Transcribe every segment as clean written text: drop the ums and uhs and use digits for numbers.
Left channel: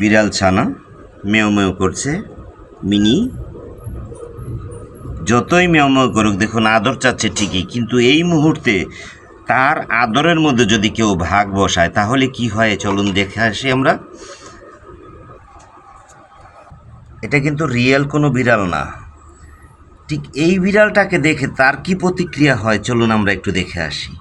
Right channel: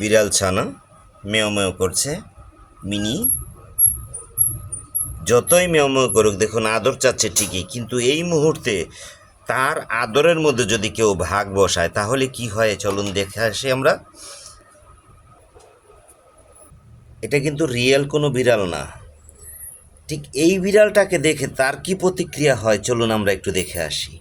বিড়াল ছানা মেও মেও করছে। মিনি যতই মেও মেও করুক, দেখুন আদর চাচ্ছে ঠিকই, কিন্তু এই মুহূর্তে তার আদরের মধ্যে যদি কেউ ভাগ বসায় তাহলে কি হয় চলুন দেখে আসি আমরা। এটা কিন্তু রিয়েল কোনো বিড়াল না। ঠিক এই বিড়ালটাকে দেখে তার কি প্রতিক্রিয়া হয় চলুন আমরা একটু দেখে আসি।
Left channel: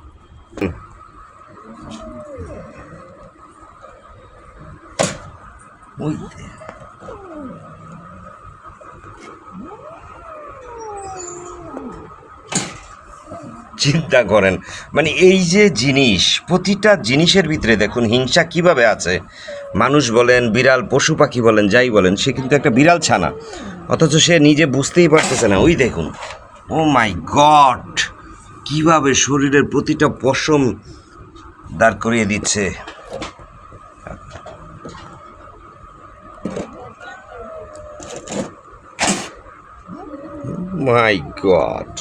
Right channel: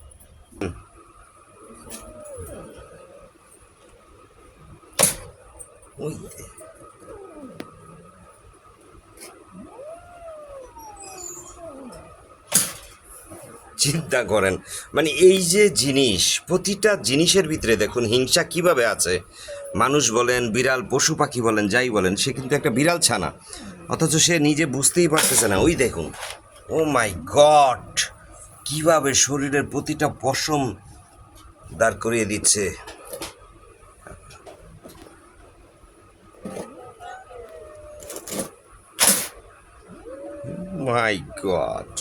চিন্তা করেন, মানে এই যে জিনিস, প্রতিটা জিনিসের ভিতরে দেখুন হিংসা কিভাবে আছে। মানুষ বলেন, বিড়াল, পশু পাখি বলেন, যাই বলেন, সে কিন্তু একটা বিড়াল ছানা, অথচ সে নিজে বুঝতেই পারতেছে না। ওই দেখুন, ও মাই গড, কিভাবে শরীরের প্রতিটা পশম দাঁড় করিয়ে দিচ্ছে। মাই গড,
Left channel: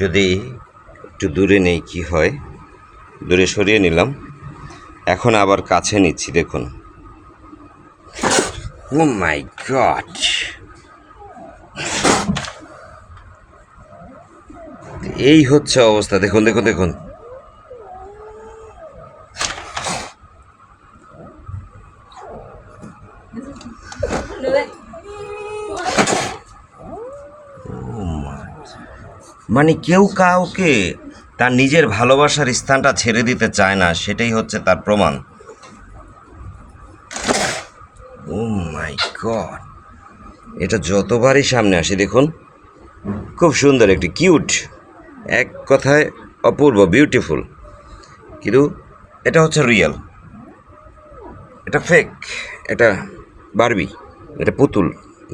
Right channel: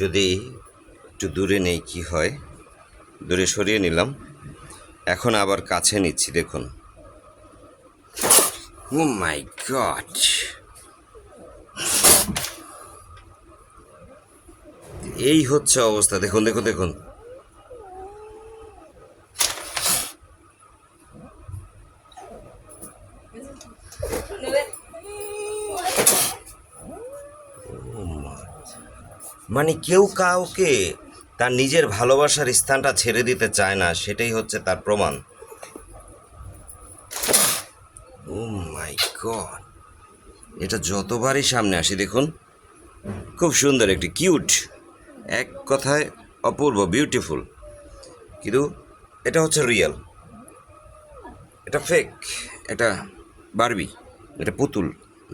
যদি একটু দূরে নেই কি হয়, দূরে সরিয়ে নিলাম, এখন আবার কাছে নিচ্ছি, দেখুন। ও মাই গড, এই হচ্ছে অবস্থা, দেখুন দেখুন দেখুন। মানে কেউ কাউকে তার নিজের ভালোবাসার স্থানটা ছেড়ে দিতে চায় না, সেটাই হচ্ছে তার প্রমাণ। ও মাই গড, এটা যতবারই সামনে আসে দেখুন, খুব সুন্দর, একটি কিউট, এক কথায় অপূর্ব, বিউটিফুল, কিন্তু এটা হচ্ছে রিয়েল, এটা ফেক, এটা বারবি, এটা পুতুল,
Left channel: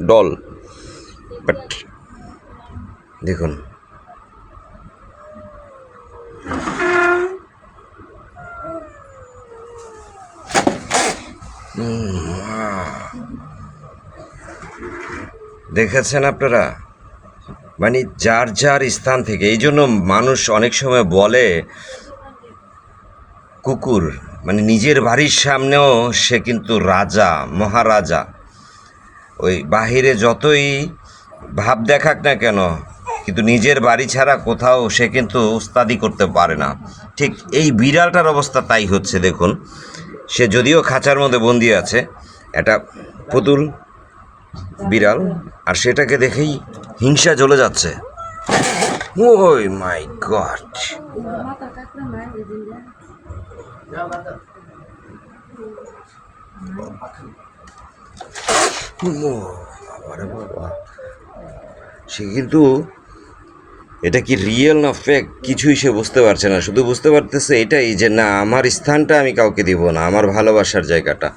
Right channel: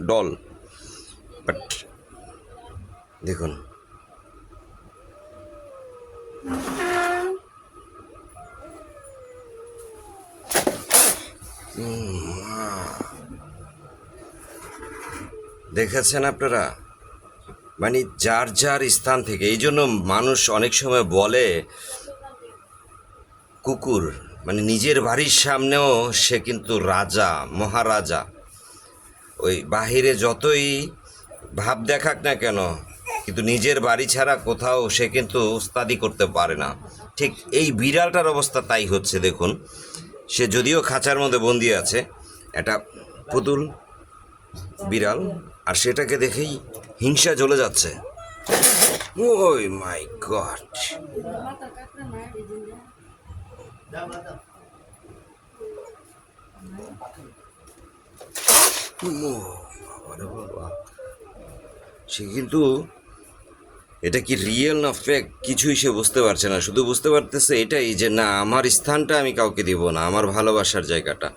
ডল। বাট দেখুন, দেখেছেন আপনারা, মানে যার যার স্থান থেকে। এই জন্য মানুষ অনেক সময় বলে কুকুর মানে নিজের বাড়ির সামনেও সে কিন্তু রাজা, মহারাজা। ওই বাহিরে যতই ভাব দেখাক না কেন, কিন্তু নিজের বাড়ি ছাড়া কোথাও সে কিন্তু উস্তাদি করতে পারে না। ঠিক এই বিড়ালটার অবস্থা তাই হচ্ছে, দেখুন। সে যদিও খাঁচার মধ্যে বন্দি আছে, একটা পুতুল বিড়াল, আর সেটাকে দেখেই হিংসা জ্বলে যাচ্ছে। ওই মাই গড, বাবারে বাবা, সে কিন্তু এটা কি রিয়েল না ফেক কিছুই সে বুঝতে পারছে না, শুধু বুঝতে পারতেছে এটাই যে না, আমার স্থানটা আমি কাউকে দিব না, আমার ভালোবাসার জায়গাটা।